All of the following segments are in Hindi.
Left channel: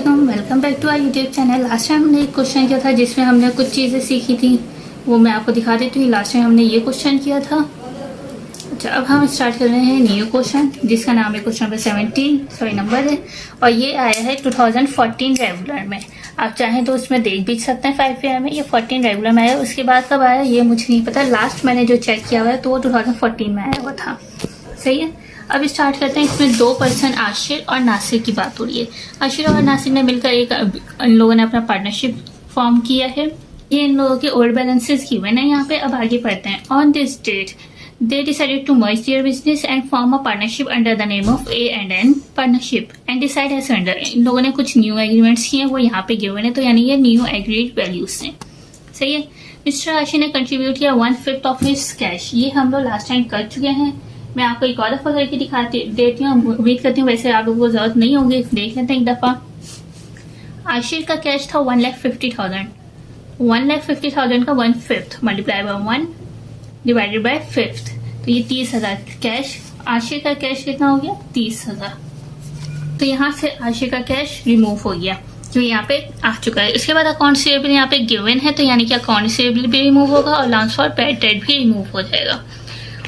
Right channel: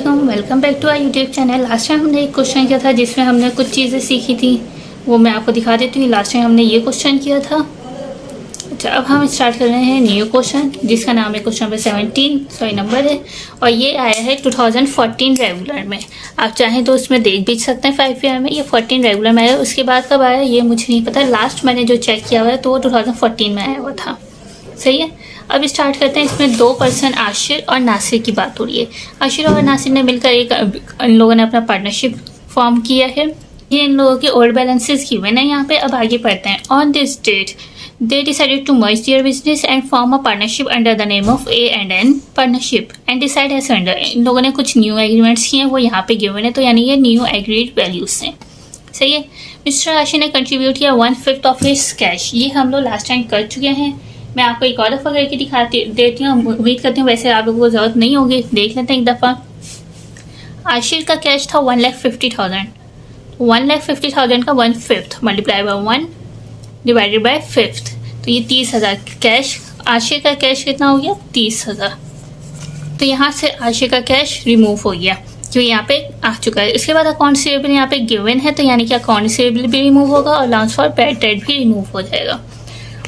वालेकुम, welcome back to our YouTube channel. Last time हमने एक क्वेश्चन किया था जिसमें हमने कुछ चीज़ें सीखी थी, वो मैं आपको दिखा देती हूँ। लास्ट टाइम हमने ये क्वेश्चन किया था। अच्छा, अब हम स्टार्ट कर रहे हैं न्यू क्वेश्चन जिसका नाम है क्वेश्चन नंबर 17 नंबर है, और ये आया है 2014 रेगुलर में। आप चाहें तो उसमें देख भी सकते हैं 5 ईयर में। ये 14 रेगुलर में आया, उसके बाद कब आया ये मुझे नहीं पता। लास्ट मैंने जो चेक किया हुआ है तो वो 2014 में आया हुआ था। सही है, अब स्टार्ट करते हैं। इसमें दो पर्सन आशिर और नासिर की बात हो रही है। आशिर और नासिर ने मिलकर इन लोगों ने अपना पार्टनरशिप फॉर्म किया है। ये इन लोगों के ओल्ड बैलेंसेस गिवन है यहाँ पे। अब आगे पढ़ते हैं। On this date they decided to merge their business and form a partnership under the name of A&N partnership and decide as under। इन लोगों ने कुछ न्यू एग्रीमेंट्स किए हैं, वो यहाँ पे गिवन है, तो यानी ये न्यू एग्रीड वैल्यूज हैं। सही है। मिस्टर आशिर ने कंट्रीब्यूट किया 1/5 ऑफ हिज कैश। ये हम लोग लास्ट टाइम कर चुके हैं। मैं आपको एक और दफ़ा करके देती हूँ। उम्मीद करती हूँ वैसे आप लोगों को ज़रूरत नहीं होगी, देख लेते हैं एक दफ़ा। आशिर का कैश था 1,50,000। 1,50,000 का 1/5 मल्टीप्लाई बाय 1 डिवाइडेड बाय 5, तो ये 30,000 कैश। आशिर का कैश कितना हो गया? 30,000। तो यहाँ से आशिर का कैश रिमूव हो गया जो यहाँ पे आ चुका है। उसके बाद अकाउंट रिसीवेबल यहाँ पे गिवन है, तो यानी कि अकाउंट रिसीवेबल भी रिमूव होगा और अलाउंस फॉर बैड डेट भी रिमूव हो जाएगा।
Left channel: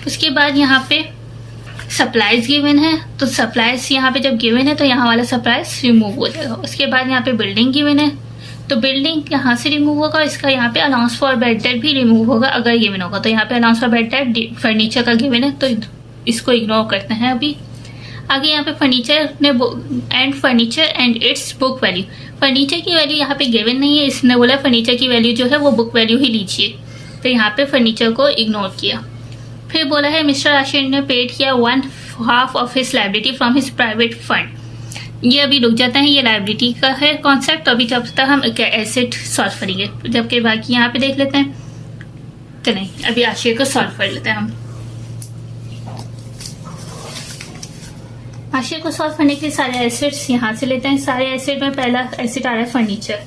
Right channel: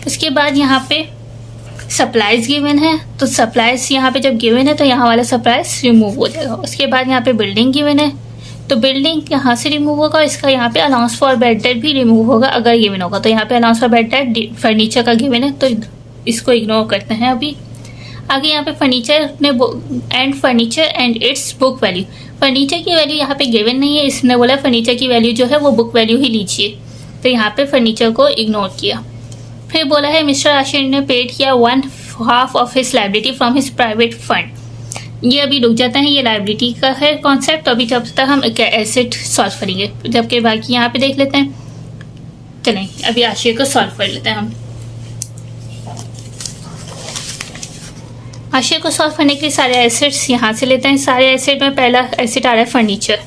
उसके बाद यहाँ पे सप्लाईज गिवन है, तो सप्लाईज यहाँ पे जब गिवन है तो यहाँ वाला सप्लाईज रिमूव हो जाएगा। उसके बाद यहाँ पे बिल्डिंग गिवन है, तो बिल्डिंग यहाँ से रिमूव होगा। इसका यहाँ पे अलाउंस फॉर बैड डेट भी रिमूव होगा अगर गिवन होगा। तो यहाँ पे allowance for bad debt furniture का गिवन है, तो इसको इग्नोर करते हैं अभी। आगे यहाँ पे furniture and it's book value. Furniture की वैल्यू यहाँ पे गिवन नहीं है, इसने बोला फर्नीचर की वैल्यू जो है वो बुक वैल्यू ही लीजिए, तो यहाँ पे फर्नीचर को इग्नोर किया। फिर बोला है मिस्टर आशिर ने पेड किया 1/2 of his liability from his private fund. ये अभी रुक जाता है, ये लायबिलिटी का है कॉन्सेप्ट। अभी जब तक हम एसेट सॉल्व करेंगे, जबकि बाकी यहाँ पे देख लेते हैं। चलें अभी आशिर को सॉल्व कर लेते हैं हम। आशिर को सॉल्व करने के लिए सारे एसेट्स यहाँ से लेते हैं। सारे एसेट में पहला एसेट आ रहा है फर्नीचर।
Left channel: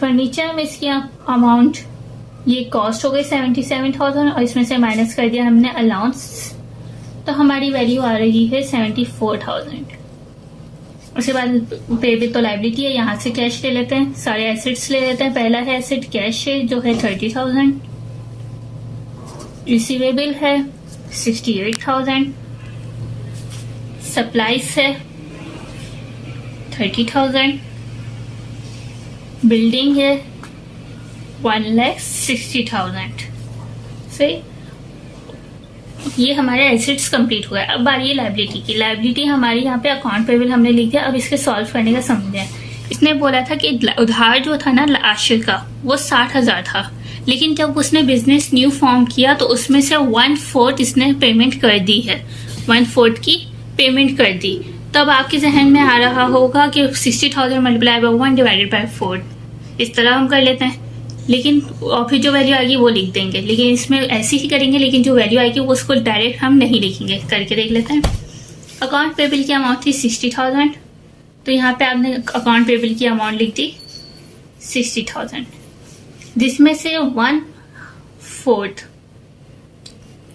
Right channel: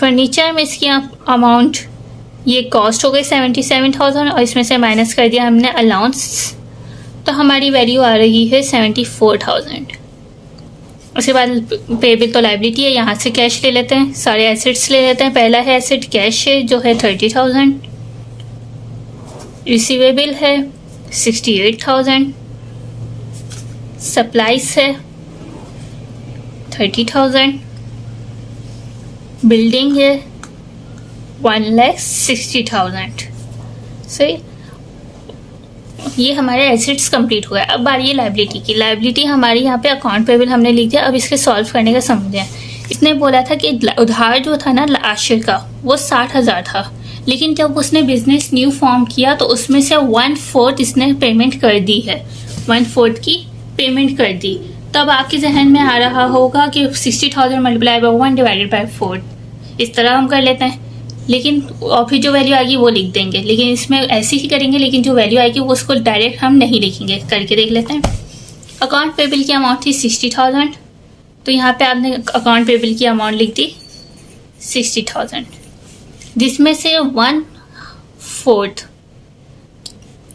फर्नीचर में इसकी अमाउंट ये कॉस्ट हो गई 77,000 और इसमें से माइनस कर दिया हमने अलाउंस, तो हमारी वैल्यू आ रही है 74,000। उसके बाद पेबल तो लायबिलिटी है, यहाँ से कैश ले लेते हैं। सारे एसेट्स ले लेते हैं। पहला है एसेट कैश है जो है 30,000, रिसीवेबल है 68,000, सप्लाईज है 30,000, बिल्डिंग है 1,60,000। सही, ये हमारे एसेट्स कंप्लीट हुआ है। अब बारी है लायबिलिटी की। लायबिलिटी हमारी यहाँ पे अकाउंट पेबल हमने लिख दिया। अब इसके सॉल्व करने का समझें। इसने बोला था कि उधार जो था ना आशिर का वो 60,000 था, लेकिन जब उसने बिजनेस न्यू फॉर्म किया तो उसमें से 1/4 इसने पेमेंट कर दी है। 1/4 की पेमेंट कर दी। तब आपके जहन में आ रहा होगा कि 60,000 मल्टीप्लाई बाय 1 डिवाइडेड बाय 4, इस तरह हम कर लेते हैं। लेकिन और फिर जो वैल्यू आएगी वो लिख देंगे, लेकिन इसमें ऐसे ही करेंगे, लेकिन जो वैल्यू आएगी वो उसको डायरेक्ट हम नहीं लिखेंगे। करके देख लेते हैं। अकाउंट पेबल की अमाउंट थी 60,000, तो यहाँ पे आपने अकाउंट पेबल की अमाउंट लिख दी 60,000, जिसमें से 1/4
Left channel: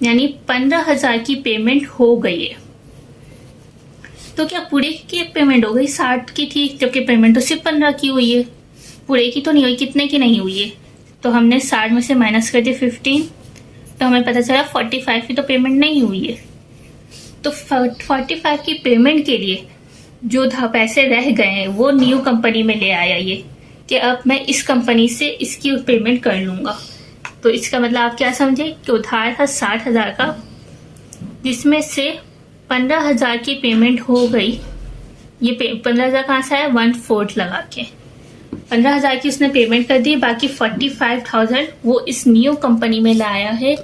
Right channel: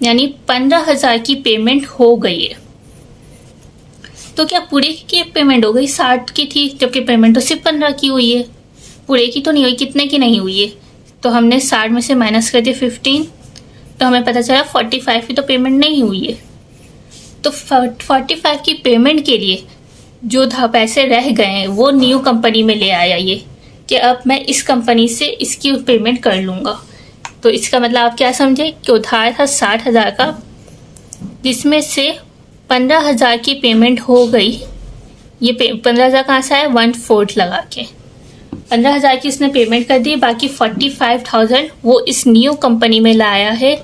यानी 15,000 की पेमेंट हो गई है। तो क्या पूरे की पेमेंट हो गई? 60 की थी, जबकि पेमेंट तो सिर्फ 15 की हुई है, पूरे की तो नहीं हुई। कितने की नहीं हुई है? तो हमने 60 में से माइनस कर दिया 15, तो हमें पता चला 45 की तो पेमेंट नहीं हुई है। तो 45 की पेमेंट के लिए जो पैसे रह गए हैं वो न्यू कंपनी में ले आया ये, कि अब मैं इस कंपनी से इसकी पेमेंट कर लूँगा। तो इसका मतलब आप क्या समझे कि उधार था 60,000 का, जिसमें से 15,000 की पेमेंट हो गई। ये 15,000 कहाँ से आया? 1/4 लगा के 15,000 की इसने पेमेंट कर दी। बाकी 45,000 वो इस न्यू कंपनी में लाया है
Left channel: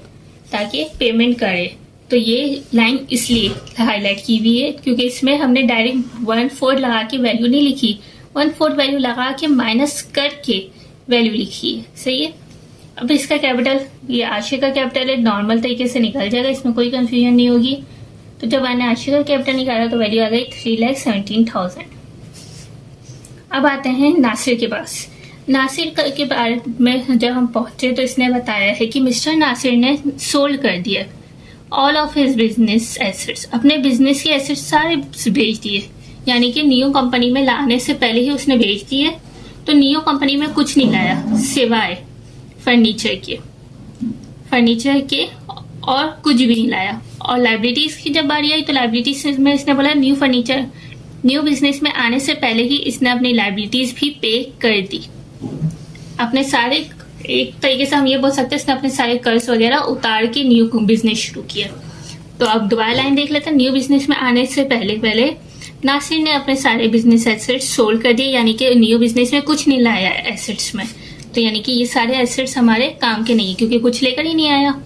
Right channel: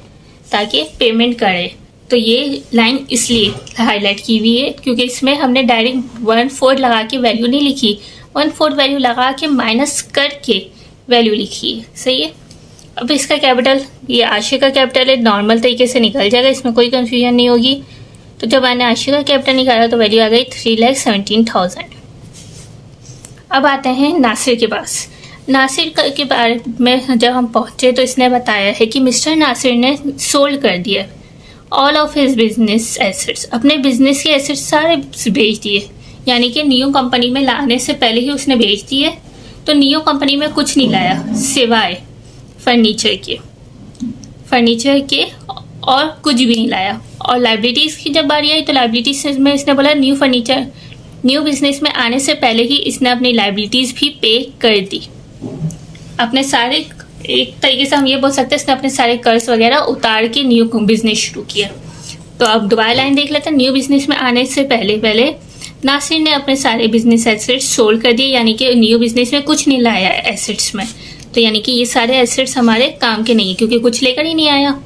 ताकि पेमेंट करे। तो ये लाइन इसलिए हाईलाइट की हुई है क्योंकि इसमें हमने डायरेक्ट 1/4 लगा के वैल्यू नहीं लिखी, 1/4 वैल्यू लगा के माइनस करके वैल्यू लिखी है। सही है। अब इसका कैपिटल, ये आशिर का कैपिटल है, नॉर्मल तरीके से निकल जाएगा, इसमें कोई कंफ्यूजन नहीं होगी। तो जब मैंने आशिर का कैपिटल निकाला तो वैल्यू आ गई 3,17,000। अब आते हैं नासिर के पास। नासिर के बारे में जब हम पहुंचे तो इसने बताया है कि मिस्टर नासिर ने सोल्ड कर दिया all of his business assets, अपने बिजनेस के एसेट्स सारे बेच दिए। यानी कि नियो कंपनी में लाने से पहले ही उसने बेच दी है। तो नियो कंपनी में कुछ नहीं लाया सिवाय फर्नीचर के और कुछ भी नहीं लाया। और लाइबिलिटीज की जब बारी आई तो लाइबिलिटीज में इसने बोला न्यू बिजनेस में आने से पहले ही इसने अपनी लाइबिलिटीज भी पे कर दी। अपने सारे, एक तरीके से हम ये बोल सकते हैं, इसने अपने सारे कर्ज वगैरह उतार के न्यू बिजनेस शुरू किया। तो अब दोबारा लाइन देख लेते हैं। न्यू बिजनेस में आने से पहले नासिर ने अपने सारे बिजनेस एसेट्स सोल्ड कर दिए, यानी कि न्यू बिजनेस में कुछ नहीं लाया एसेट्स में। तो यानी कि ये सारे एसेट्स हमारे काम के नहीं है क्योंकि कुछ लेकर ही नहीं आया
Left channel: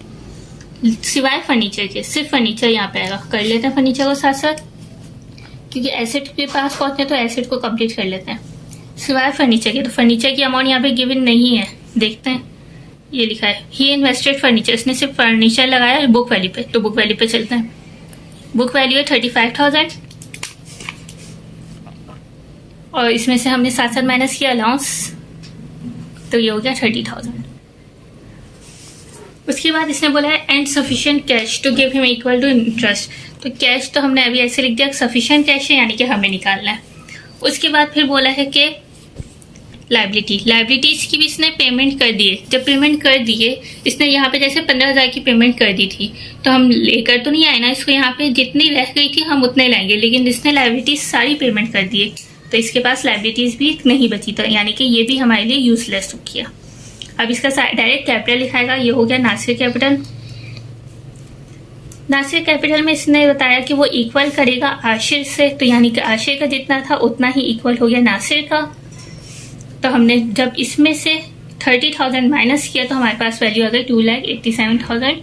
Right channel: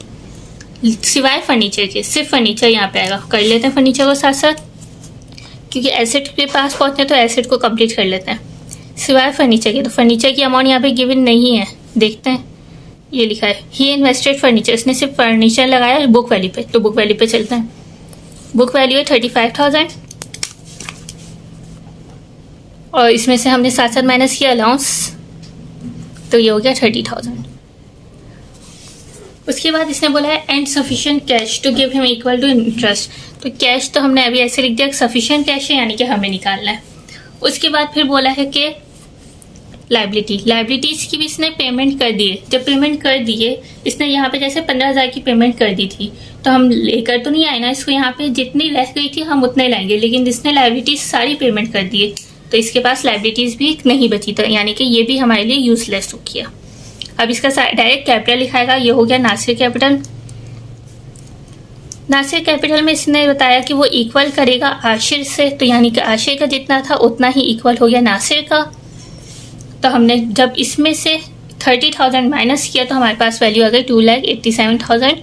सिवाय फर्नीचर के। सिर्फ फर्नीचर यहाँ पे आएगा। कर लेते हैं फर्नीचर को साथ साथ, क्योंकि एसेट के पास पहुंचते हैं तो एसेट को कंप्लीट कर लेते हैं सिवाय फर्नीचर के। तो फर्नीचर की अमाउंट यहाँ पे गिवन नहीं है, देखते हैं। ये लिखा है ही इन्वेस्टेड फर्नीचर, इसने सिर्फ फर्नीचर लगाया बुक वैल्यू पे। तो बुक वैल्यू पे चलते हैं। बुक वैल्यू है 35,000 और इसमें से हमने साथ साथ माइनस किया अलाउंस, तो ये हो गया 30,000। उसके बाद इसने बोला है and sufficient cash to give him equal to interest. तो कैश तो हमने अभी ऐसे लिख दिया, सफिशिएंट कैश है यानी कि हमें निकालना है। उसके बाद फिर बोला है कि लाइबिलिटीज की भी इसने पेमेंट कर दिए। जब पेमेंट कर दिए इसने यहाँ पे जैसे 15,000 की पेमेंट कर दी थी, तो हम लेकर तो नहीं आए ना इसको, यहाँ पे जितनी रह गई थी हम उतने लाएंगे, लेकिन इसने लाइबिलिटीज सारी पेमेंट कर दिए तो इसके पास लाइबिलिटीज भी नहीं बची, तो यानी कि ये भी हमारे लिए यूजलेस हो गया। अब इसका डायरेक्ट कैपिटल लिखाएगा, ये हो गया नासिर कैपिटल। नासिर कैपिटल में इसने बताया कि वो इक्वल करेगा आशिर से, तो यानी कि आशिर का जितना था उतना ही इक्वल हो गया नासिर का। तो हमने जब इसमें से 30,000 माइनस किया तो हमारे पास वैल्यू आ गई 2,87,000।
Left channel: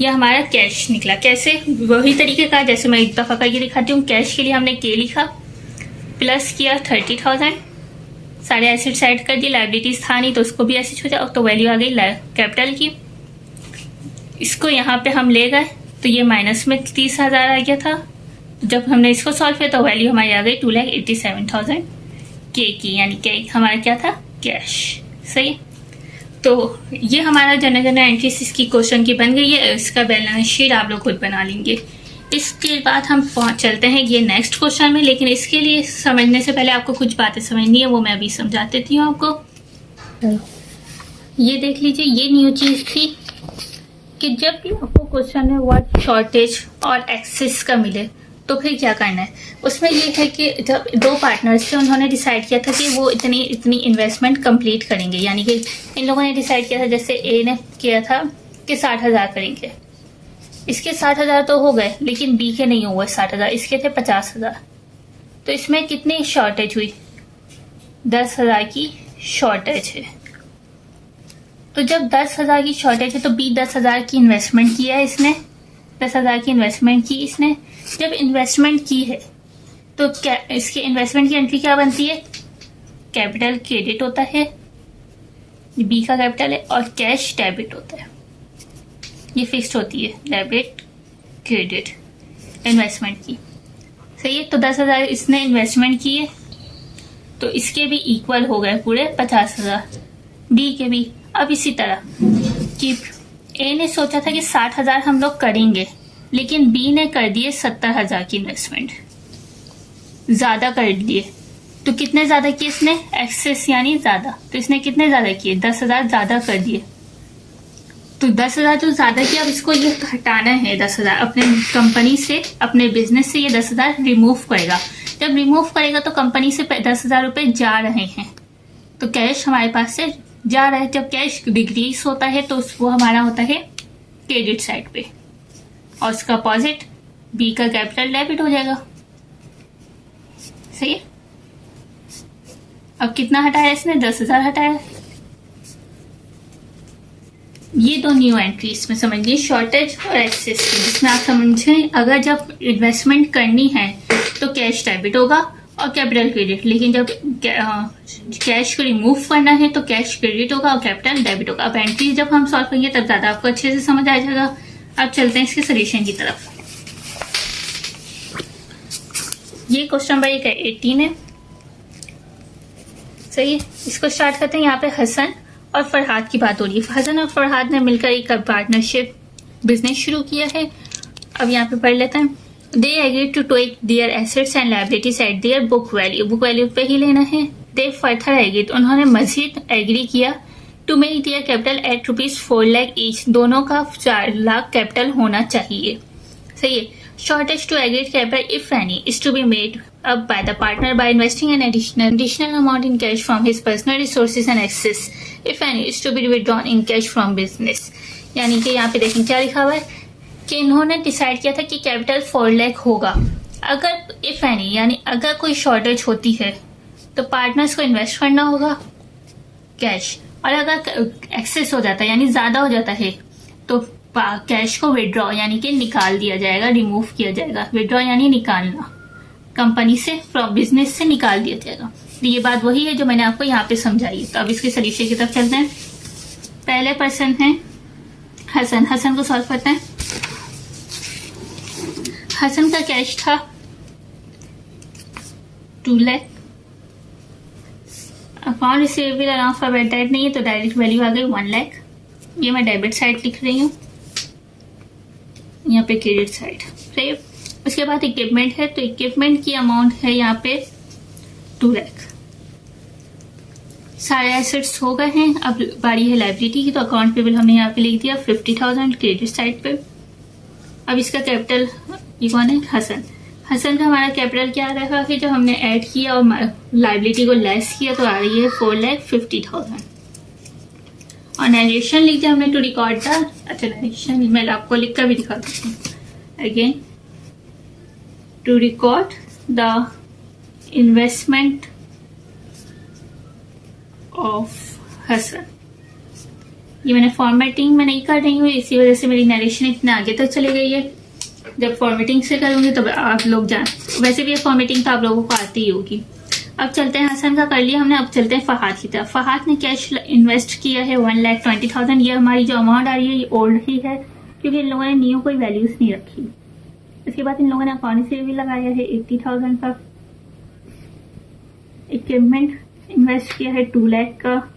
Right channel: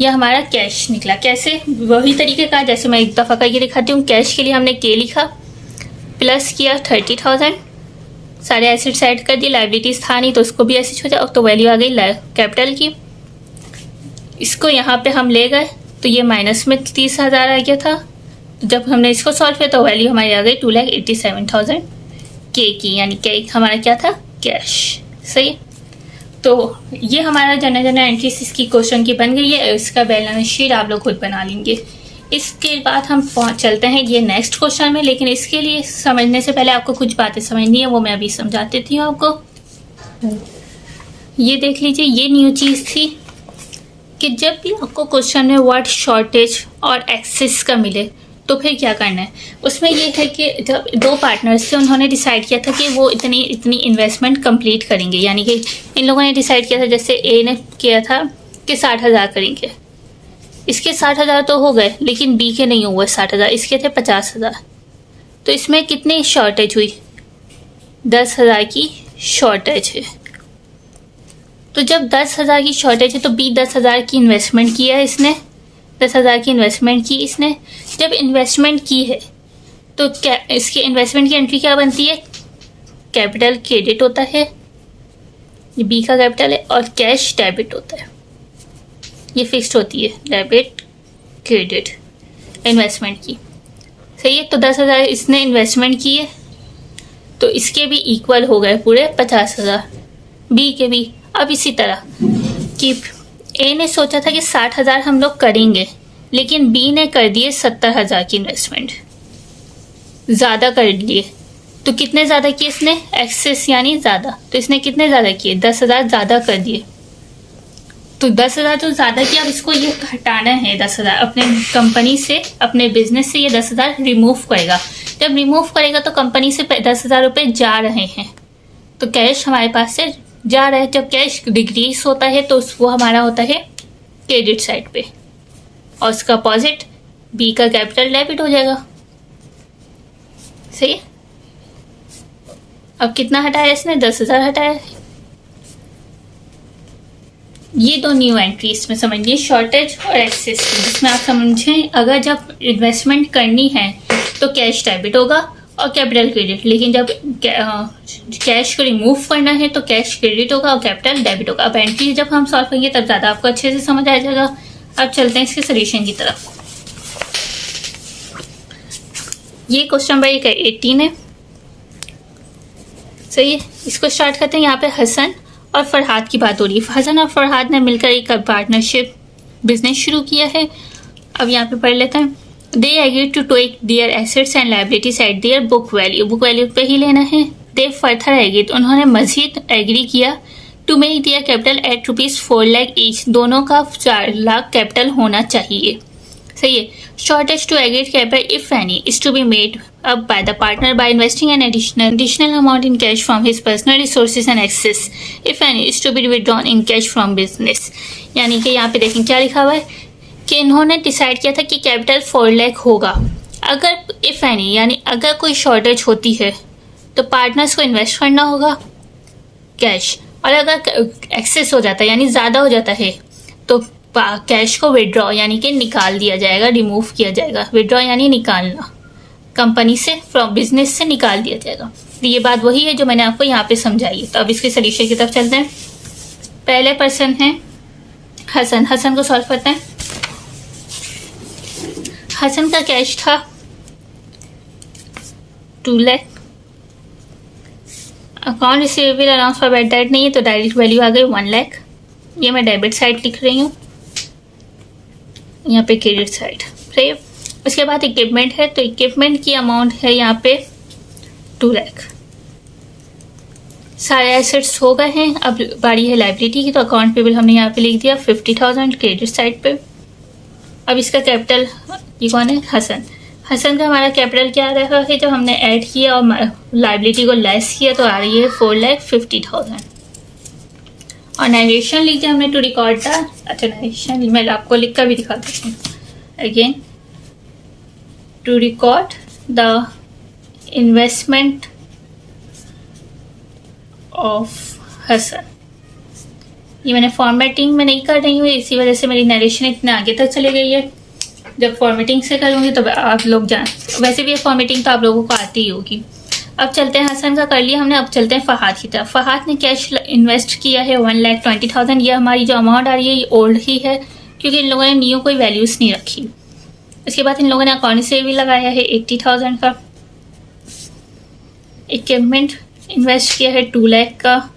यह हमारा कैश निकला। कैसे? वही तरीके का जैसे मैं एक दफ़ा करके दिखाती हूँ। कैश के लिए हमने के लिखा, प्लस किया 30,000, सारे एसेट्स ऐड कर दिए, लाइबिलिटीज था नहीं तो उसको भी ऐसे हो जाए, तो वैल्यू आ गई कैपिटल की। इसको यहाँ पे हम ले गए तो ये माइनस में 30,000 आ गया था। जब हमने इसको सॉल्व किया तो वैल्यू हमारी आ गई 2,87,000 के की, यानी के हमारा क्या था? कैश। सही। तो ये हमारा जनरल एंट्रीज इसकी क्वेश्चन की बन गई है। इसका बैलेंस शीट आप लोग खुद बना लेंगे। इसके बाद हम चलते हैं ये नेक्स्ट क्वेश्चन में, लेकिन इसके लिए समझने से पहले आपको कुछ बातें समझनी है, वो मैं अभी समझा देती हूँ आपको। ये देख लीजिए, ये न्यू चीज़ थी कि जब भी आपको क्वेश्चन में वर्ड शॉर्टेज और एक्सेस का मिले तो फिर क्या करना है। उसमें ये है कि जब दो पार्टनर्स थे उन्होंने डिसाइड किया था कि वो इतनी इन्वेस्टमेंट कंप्लीट करेंगे, यानी कि इन लोगों ने डिसाइड किया था, जैसे ए ने किया था कि 60,000 करेंगे। इसके 60,000 तो हो गए, लेकिन बी के नहीं हुए 60,000, इसके थे 50,000। तो इसमें कितनी शॉर्टेज हुई? 10,000 की शॉर्टेज है। तो जब 10,000 की शॉर्टेज है तो बी 10,000 की इन्वेस्टमेंट किया है इसने, 10,000 की इन्वेस्टमेंट की इसने। जब इन्वेस्टमेंट की है तो क्या इसकी इन्वेस्टमेंट की एंट्री क्या बनती है? कैपिटल क्रेडिट होता है, ये बी का कैपिटल है, और कैश डेबिट होता है। ये फिक्स्ड होती है, डेबिट क्रेडिट इन्वेस्टमेंट की। सही है। तो 10,000 इसने इन्वेस्टमेंट की है तो इसके भी इक्वल हो गए पूरे 50,000, बी के भी। अब इसी तरह कि ए ने सोचा था कि 60,000 हम लोग करेंगे, लेकिन बी ने कर दिए 70,000 की इन्वेस्टमेंट, ज़्यादा कर लिए। तो कितने ज़्यादा किए इसने? एक्सेस यानी ज़्यादा। तो इसने कितने ज़्यादा किए? 10,000 ज़्यादा कर दिए। तो 10,000 तो ज़्यादा किया, अब इसको ये हटाना है 10,000 अपने कंपनी से, अपने बिजनेस से। ये 10,000 रिमूव करेगा। जब रिमूव करेगा तो कंपनी से 10,000 रुपये जा रहे हैं, तो कैश हमारे पास से जा रहा है। जब कैश डिक्रीज होता है तो वो हमारा होता है क्रेडिट साइड पे, और उसका अपोजिट बी का कैपिटल डेबिट हो जाएगा। सही है। अब कितना हटाया इसने? 10,000 हटाया। ये दो न्यू एंट्रीज में समझिए, शॉर्टेज और एक्सेस, जिसमें आप समझें अगर जब इन्वेस्टमेंट करनी है तो कैश डेबिट होगा और कैपिटल क्रेडिट, लेकिन जब कैश को रिमूव करना है तो कैश क्रेडिट होगा और कैपिटल डेबिट होगा। अब एंट्री जब हम सॉल्व करेंगे तब ज़्यादा आपको अच्छे से समझ आ जाएगा। अब चलते हैं इसके सोल्यूशन की तरफ। ये क्वेश्चन नंबर 18 है। सही है। इसको स्टार्ट करते हैं। यहाँ पे हसन और फरहाद की बात हो रही है। हसन और फरहाद ने मिलकर एक पार्टनरशिप बिजनेस शुरू किया है। अब यहाँ पे पढ़ लेते हैं। They agree to take their assets and liabilities at their book value पे ही लेना है। दे फर्दर एग्री, तो उन्होंने मजीद एग्री किया to make their capital at ₹4 lakh each, दोनों का 4 लाख कैपिटल होना चाहिए। सही है। Shortage to agreed capital if any is to be made up by the partner by investing an additional amount in cash from his personal resources and excess if any is to be withdrawn in cash from business। यानी कि यहाँ पे देखें क्या लिखा हुआ है कि इन्होंने डिसाइड किया था कि कैपिटल 4 लाख होगा। अगर इफ एनी यानी अगर कोई शॉर्टेज होती है तो पार्टनर्स को इन्वेस्ट करना होगा कैश, और अगर एक्सेस हो जाता है यानी ज़्यादा हो जाता है तो कैश को विड्रॉ यानी कि निकाल दिया जाएगा, रिमूव किया जाएगा। विड्रॉ यानी निकालना, कंपनी से फ्रॉम बिजनेस से निकाल दिया जाएगा। तो ये बात वही है जो मैंने आपको यहाँ पे समझाई है। तो अब इसके सोल्यूशन की तरफ चलते हैं। पहले पर्सन है हसन। हसन को सॉल्व करते हैं। हसन का कैश था 2 lakh. Account receivable allowance for bad debt नहीं है तो डायरेक्ट वैल्यू आ गई 1 लाख। ये मैं डेबिट साइड लिख रही हूँ, यहाँ पे क्रेडिट साइड। सही है। उसके बाद इक्विपमेंट है तो इक्विपमेंट की अमाउंट है यहाँ पे 2 लाख। सारे एसेट्स हो गए हैं। अब बारी है लाइबिलिटी की, तो अकाउंट पेबल हमने यहाँ पे लिख दिया 50,000 क्रेडिट साइड पे। अब इसका कैपिटल, ये कौन है? हसन। हसन का हमारा कैपिटल क्या आ रहा है? जब हमने ऐड किया और लाइबिलिटी को लेस किया तो आ रही है 4,50,000। और नरेशन लिख दिया हमने टू रिकॉर्ड द, अच्छा नरेशन मैं आपको लिख कर भी दिखा देती हूँ again, to record the investment of Hasan. ये मैंने फॉर्मेटिंग में नहीं कर रही हूँ, इसी वजह से मेरी नरेशन इतने आगे तक चली गई है। जब फॉर्मेटिंग से करूँगी तो आप लोग जान, वैसे भी फॉर्मेटिंग तो आप लोगों को आती ही होगी। अब चलते हैं, हसन का कर लिया हमने। अब चलते हैं फहाद की तरफ। फहाद ने कैश इन्वेस्ट किया है 1,20,000। ये हमारी जो अमाउंट आ रही है ये ओल्ड ही है क्योंकि इन लोगों ने न्यू कोई वैल्यूज़ नहीं रखी। इसके बाद इन लोगों ने अकाउंट से भी लगाया है 80,000 का। इक्विपमेंट इन्वेस्ट किया है 2 लाख का।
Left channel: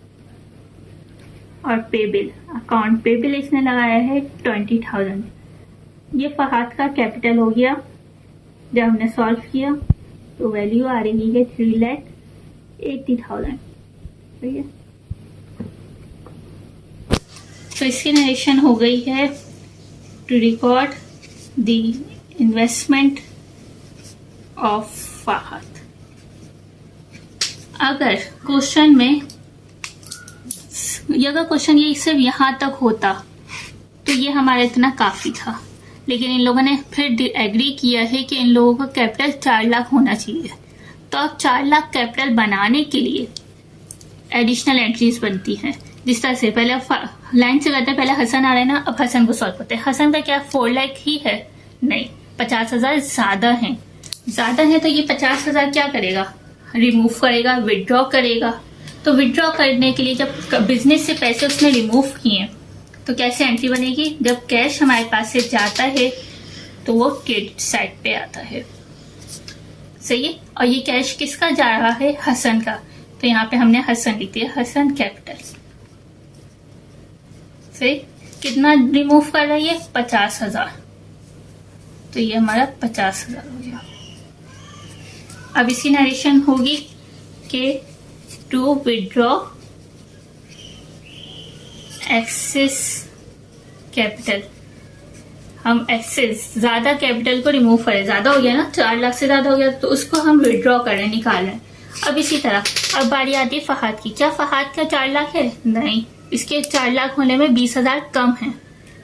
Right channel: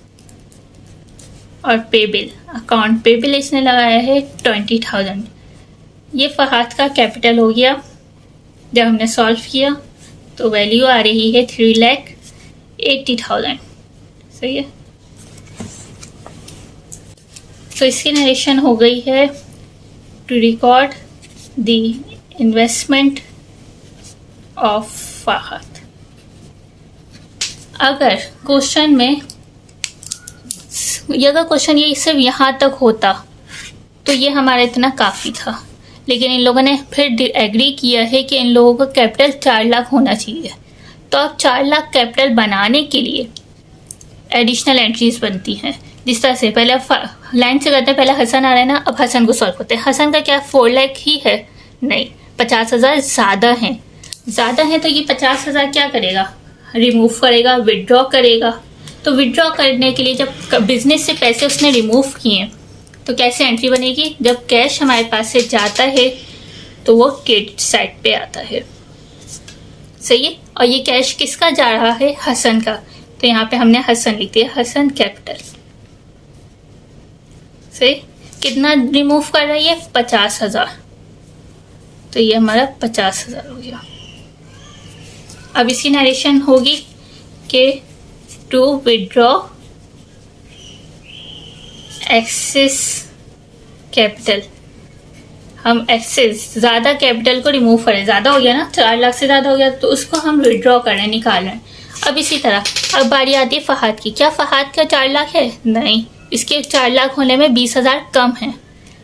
और पेबिल, अकाउंट पेबिल इसने लगाया है 20,000। ये फहाद का कैपिटल हो गया। जब हमने सॉल्व किया तो वैल्यू आ रही है 3,80,000। सही है। तो इसकी नरेशन हो गई है to record the investment of Fahad. अगर क्वेश्चन में अगर क्वेश्चन ये सिर्फ यहाँ तक होता तो ये हमारा इतना काफ़ी था, लेकिन इन लोगों ने फिर एग्री किया है कि इन लोगों का कैपिटल 4 लाख होना चाहिए। तो अब 4 लाख कैपिटल बनाने के लिए एडिशनल एंट्रीज बनती हैं। जिस तरह से पहले लाइन से करते हैं, पहले हसन आ रहा है ना, अब हसन को सॉल्व करते हैं। हसन का क्या 4 लाख ही है? नहीं, 50,000 ज़्यादा है तो ये 50,000 क्या करेगा? रिमूव करेगा, विड्रॉ करेगा। तो विड्रॉ करने के लिए जब बिजनेस से पैसे उसने रिमूव किए तो कैसे एंट्री बनेगी? जब कैश हमारे पास से जाता है तो वो क्रेडिट साइड पे आता है। सही है। और ये कैश किसका जा रहा है? हसन का। तो यहाँ पे हमने हसन लिख दिया, हसन कैपिटल। सही। कितना रिमूव कर रही है? 50,000। तो ये हमारा 50,000 हो गया। अब इसकी नरेशन होगी कि टू विड्रॉ एक्सेस कैपिटल। हम एक्सेस ज़्यादा कैपिटल को रिमूव करें, ज़्यादा हो गया ना, 4 लाख से ज़्यादा हो गया तो उसको हम विड्रॉ करें, निकाल रहे हैं। अब इसी तरह अब बारी आती है फहाद की। क्या फहाद का 4 लाख है? नहीं, इसके 4 लाख होने में 20,000 कम है।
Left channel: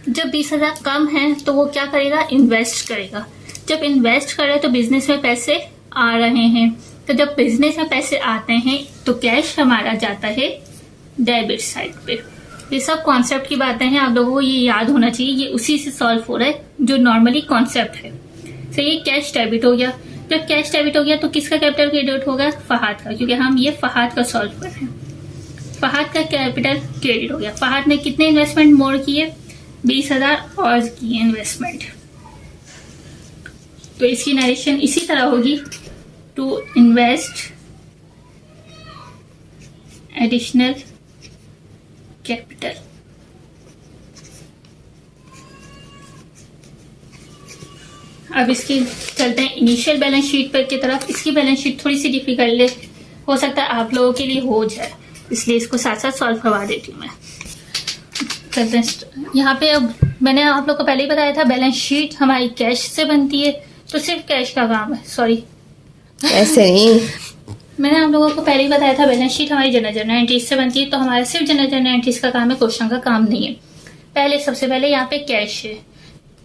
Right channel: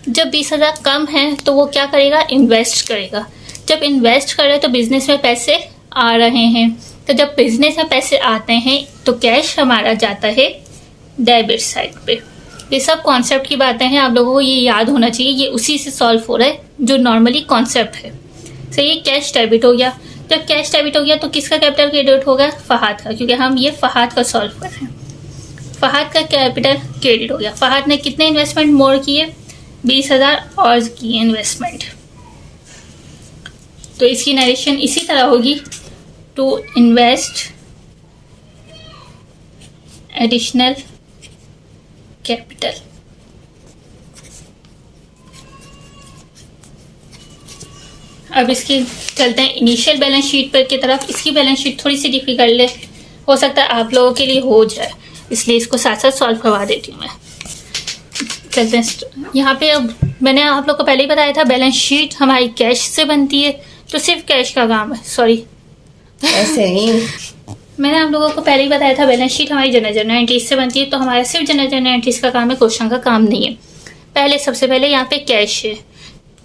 जब 20,000 कम है तो वो क्या करेगा? इन्वेस्ट करेगा। जब इन्वेस्ट करे तो बिजनेस में पैसे आ रहे हैं, तो जब बिजनेस में पैसे आते हैं तो कैश हमारा जाता है डेबिट साइड पे। ये सब कॉन्सेप्ट की बातें हैं, आप लोगों को ये याद होना चाहिए। ये उसी से सॉल्व हो रहा है जो नॉर्मली कॉन्सेप्ट है। सही है। कैश डेबिट हो गया। जब कैश डेबिट हो गया तो किसका कैपिटल क्रेडिट होगा? फहाद का, क्योंकि हम ये फहाद का सॉल्व कर रहे हैं। फहाद का कैपिटल क्रेडिट हो गया। फहाद ने कितने इन्वेस्टमेंट मोर किए? 20,000 और किए इन्वेस्टमेंट। तो इसकी नरेशन इसी तरह होगी, टू इन्वेस्ट एडिशनल कैपिटल। अब इसकी चलते हैं इनिशियल बैलेंस शीट पर की तरफ। इसकी बैलेंस शीट थोड़ी सी डिफिकल्ट हो सकता है आप लोगों के लिए हो जाए, इसलिए इसको साथ साथ सॉल्व करवा देती हूँ मैं। चलते हैं यहाँ पे। अब मैंने आप लोग को पहले ही बताया था बैलेंस शीट हमारी कैश से बनती है, तो सिर्फ कैश का काम है। सॉरी ऐसे ही मैंने आप लोगों को पहले ही बताया था बैलेंस शीट हमारी जनरल एंट्रीज से बनती है, तो हमारा सिर्फ जनरल एंट्रीज का काम है, क्वेश्चन का काम नहीं है। पहले सबसे पहले यहाँ पे कैश है।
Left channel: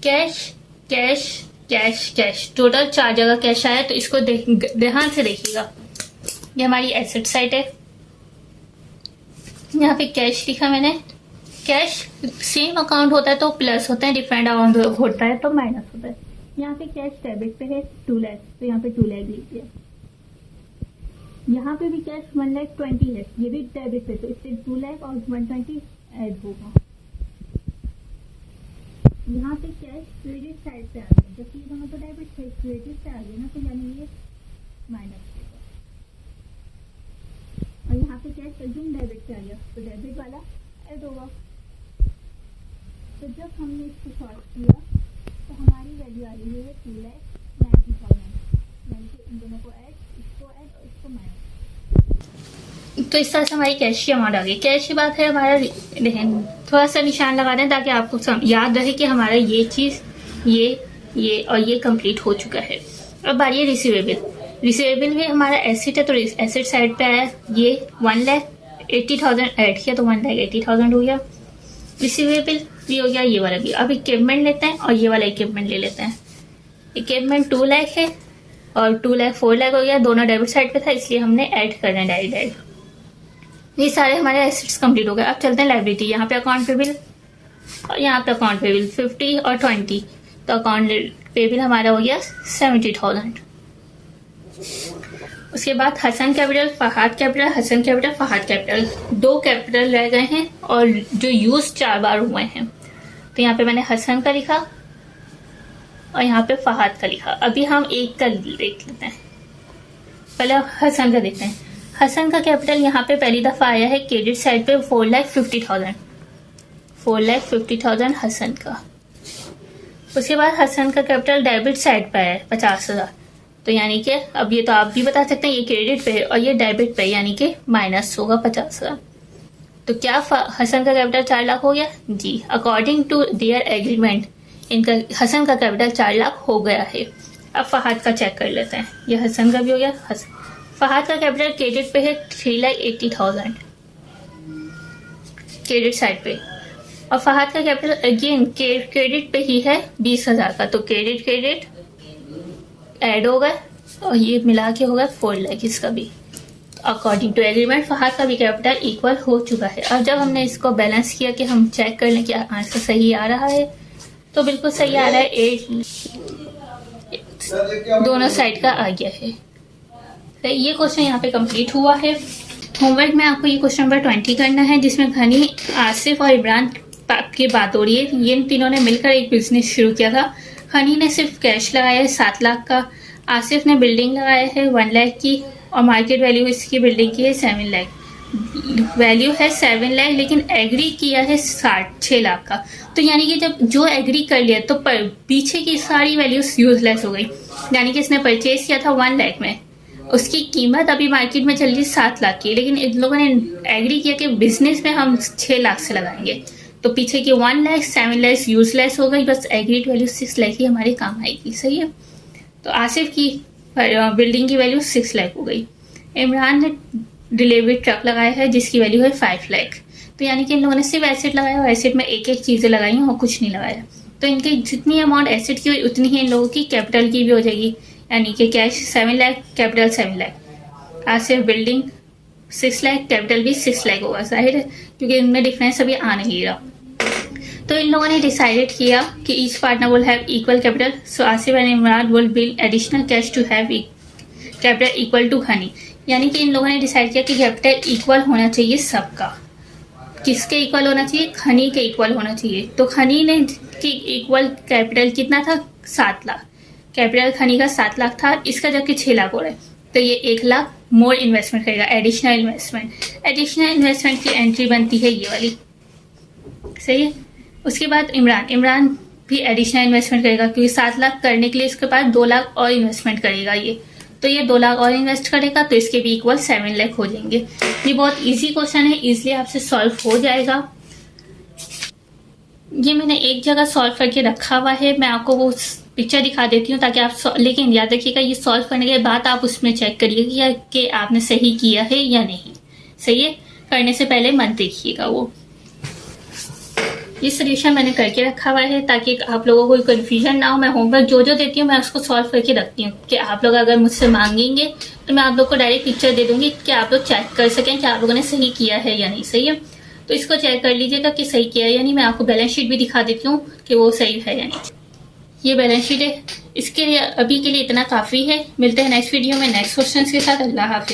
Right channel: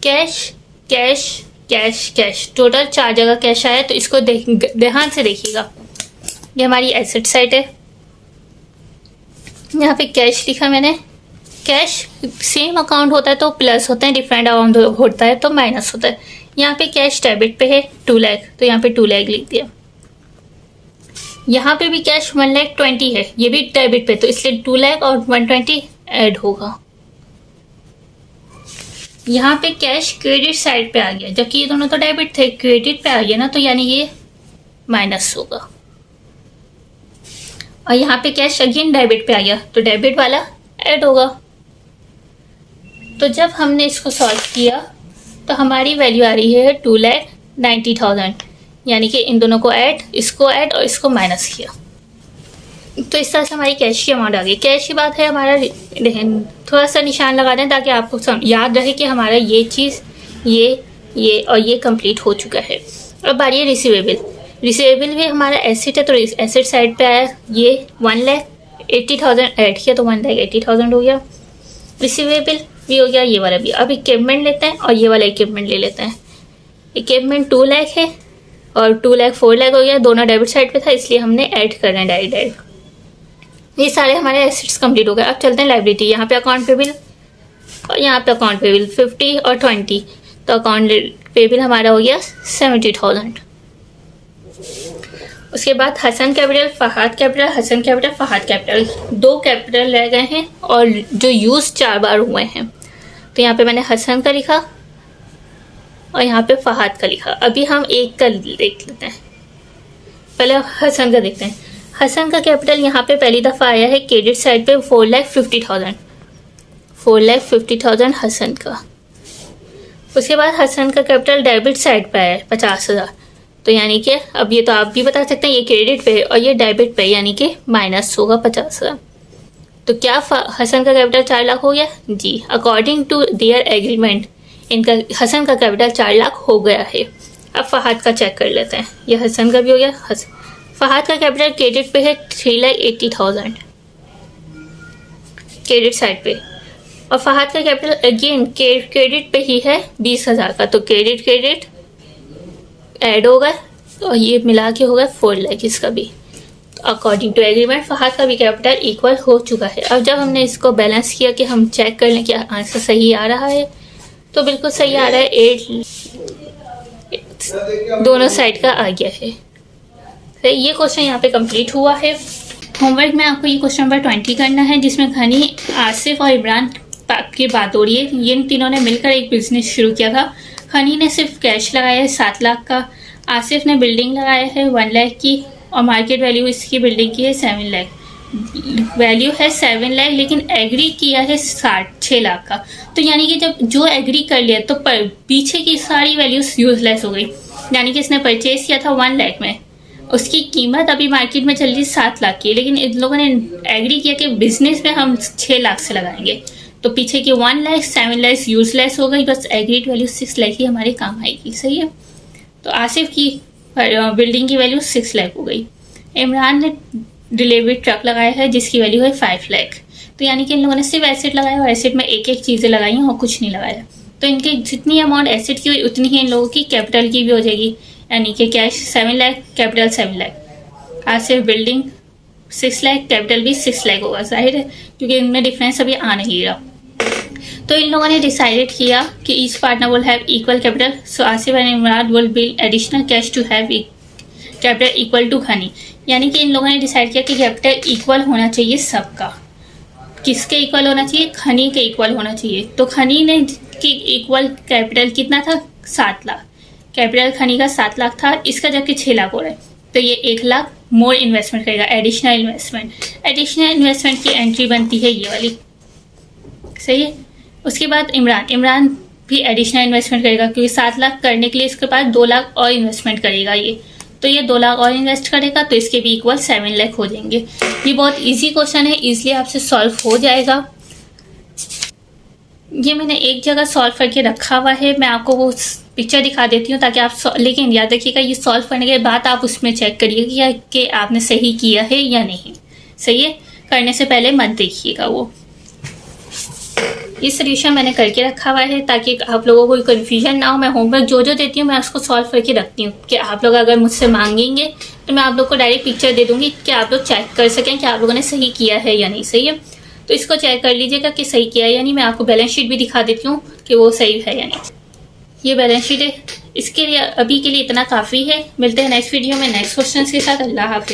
Cash cash cash cash, total 4 जगह कैश आया, तो इसको ध्यान से देखिएगा। ये हमारी एसेट साइड है। यहाँ पे कैश लिखा मैंने। कैश सेम अकाउंट होता है तो प्लस होता है, डिफरेंट अकाउंट होता है तो माइनस होता है। यहाँ पे कैश डेबिट पे है 2 लाख, तो यहाँ पे 2 लाख लिख दिया। यहाँ पे भी कैश 1,20,000 है, ये भी डेबिट पे, तो इसलिए 2 लाख और 120 ऐड होगा। यहाँ पे कैश क्रेडिट साइड पे आ गया, जबकि ये दोनों तो डेबिट थे, क्रेडिट पे आ गया ना, तो यानी ये माइनस होगा। और यहाँ पे कैश अगेन डेबिट पे आ गया, तो डेबिट वाला ऐड होगा। तो जब हमने इसको सॉल्व किया तो हमारी वैल्यू आ रही है 2,90,000, यानी कि इन दोनों को ऐड, इसको ऐड और इसको माइनस किया, तो इस तरह से हमारी कैश की अमाउंट आ गई। कैश की बात है हमारा, थोड़ा सा निशान लगा दें ताकि आपको याद रहे कि हमारा ये चीज़, ये और ये कंप्लीट हो चुका है। अब बारी है रिसीवेबल। रिसीवेबल भी हमारा एसेट है, तो एसेट साइड पे आया, ये 1,80,000 ऐड किया तो 1,80,000 हो गया। रिसीवेबल भी हो गया, ये वाला भी। अब इक्विपमेंट लेते हैं और ये वाला इक्विपमेंट ले लेते हैं। इक्विपमेंट 2 लाख है और 2 लाख 4 लाख हो गया, दोनों डेबिट साइड पे था, इसलिए हमने ऐड करना है डायरेक्ट। ये सारे हमारे एसेट्स कंप्लीट हो गए। अब चलते हैं लायबिलिटी। यहाँ पे अकाउंट पेबल और यहाँ पे अकाउंट पेबल 50 और 20, तो अकाउंट पेबल हमारा हो गया 70,000। उसके बाद Hasan capital, Fahad capital, Hasan capital, Fahad capital, 2 capital रह गए हैं और जो यूज 4 बार हुए हैं, तो यहाँ पे मैंने हसन का लिखा और यहाँ पे फहाद का लिखा। अभी हम एक का देख लेते हैं, पहले हसन का देखते हैं। हसन का कैपिटल यहाँ पे पहली दफ़ा आया है क्रेडिट साइड पे 4,50,000, 4,50,000 हसन का। उसके बाद हसन का कैपिटल डेबिट साइड पे आया है 50,000, तो यानी कि अब ये तो आप भी बता सकते हैं ये क्रेडिट पे है और ये डेबिट पे, यानी कि माइनस होगा 50,000। तो क्या हसन का कैपिटल 4 लाख हो गया जी। अकॉर्डिंग टू देयर एग्रीमेंट इनका हसन का कैपिटल 4 लाख हो गया है। अब फहाद का चेक कर लेते हैं, ये हसन का भी हो गया। फहाद का कैपिटल क्रेडिट पे है 3,80,000 क्रेडिट साइड पे, और फहाद का कैपिटल अगेन क्रेडिट पे ही है 20,000 का, तो क्रेडिट ऐड होगा और ये मिला के होगा 4 लाख इसका भी। अकॉर्डिंग टू एग्रीमेंट फहाद का भी कैपिटल इक्वल हो चुका है। अब जब हमने इसको बैलेंस किया कि हम चेक कर लें कि आंसर सही आ रहा है, तो बिल्कुल सही आ रहा है। 8 दोनों साइड का आ गया है। तो ये क्वेश्चन यहाँ पे कंप्लीट हुआ है। होमवर्क में आपको ये क्वेश्चन नंबर 20 करना है, जिसमें घनी, आसिफ और इमरान की बात हो रही है। ये तीनों ने मिलकर एक बिजनेस शुरू किया था। खनी ने सिर्फ कैश लगाया है 7 लाख का, आसिफ ने बिल्डिंग लगाया है 1 लाख की, और मार्केट वैल्यू इसकी बिल्डिंग की है 7 लाख। वैल्यू है 7 लाख, लेकिन एग्री किया है 6 लाख का। तो यानी कि जब जो एग्री कर लिया तो पीछे की सारी वैल्यूज यूजलेस हो गई। यानी कि इसने परचेज किया था 1 लाख में, उसकी कीमत अभी मार्केट में चल रही है 7 लाख की, लेकिन इन लोगों ने एग्री किया कि बिजनेस में हम 6 लाख से लगाएंगे, तो पीछे की 1 लाख 7 लाख यूजलेस हो गई, बस एग्रीड वैल्यू 6 लाख ही हमारे काम आएगी। सही है। तो आसिफ की बिल्डिंग की वैल्यू 6 लाख हो गई। इमरान ने डिलीवरी ट्रक लगाया है जिसकी वैल्यू है 5 लाख। तो यानी कि इन लोगों ने सिर्फ एसेट लगाया और एसेट में एक एक चीज़ें लगाई हैं और कुछ नहीं लगाया। तो इनके जितनी अमाउंट एसेट की हुई उतनी ही इन लोगों की कैपिटल की भी हो जाएगी, यानी कि cash 7 lakh, capital 7 lakh. Asif building 6 lakh, capital भी 6 लाख होगा, जाहिर है, क्योंकि इनमें डिफरेंस अभी आ नहीं रहा। तो इन लोगों ने डिसाइडेड किया कि each partner will have equal capital, so Asif and Imran will build additional cash to have capital equal to खनी। यानी कि इन लोगों ने डिसाइड किया कि कैपिटल इक्वल होना चाहिए सबका। किसके इक्वल होना चाहिए? खनी के इक्वल होना चाहिए। तो खनी ने की इक्वल कैपिटल कितना था? 7 लाख। कैपिटल खनी का 7 लाख था, इसका जबकि 6 लाख हो रहा है, तो ये 1 लाख मोर इन्वेस्टमेंट करेगा, एडिशनल इन्वेस्टमेंट। एडिशनल इन्वेस्टमेंट की एंट्री बनती है ये वाली। सही है। उसके बाद इमरान भी एडिशनल इन्वेस्टमेंट करेगा, क्योंकि 7 लाख करने के लिए इसके पास 2 लाख और इन्वेस्टमेंट करेगा ये, तो ये 2 लाख और इन्वेस्ट करेगा तो इसके भी इक्वल 7 लाख हो जाएंगे। ये बहुत इजी क्वेश्चन है, इजीली आपसे सॉल्व हो जाएगा। ये मैंने एक जगह सॉल्व करके रखा हुआ है, मैं आपको वो पिक्चर दिखा देती हूँ ताकि आप लेकिन याद रखिएगा ये सॉल्व करने के बाद आप उसमें चेक करिएगा कि आपने सही किया है या नहीं। सही है, करने से पहले मत देखिएगा वो। ये सोल्यूशन मैंने करके रखा हुआ है ताकि आप लोगों को कोई कन्फ्यूजन ना हो। मैं होमवर्क जो जो देती हूँ मैं उसको सॉल्व करके रखती हूँ कि आप लोग अगर मुझसे मांगेंगे तो मैं आप लोग को डायरेक्ट पिक्चर दे दूंगी कि आप लोग चेक कर सकें कि आप लोगों ने सही किया है या नहीं। सही है, तो इसको चेक कर लीजिएगा कि सही किया है या नहीं। मैं आपको बैलेंस शीट भी दिखा देती हूँ कि वो सही है या नहीं। ये बैलेंस शीट है, इसके लिए अभी के लिए इतना काफ़ी है। मिलते हैं नेक्स्ट वीडियो में नेक्स्ट क्वेश्चन के साथ। अल्लाह हाफिज़।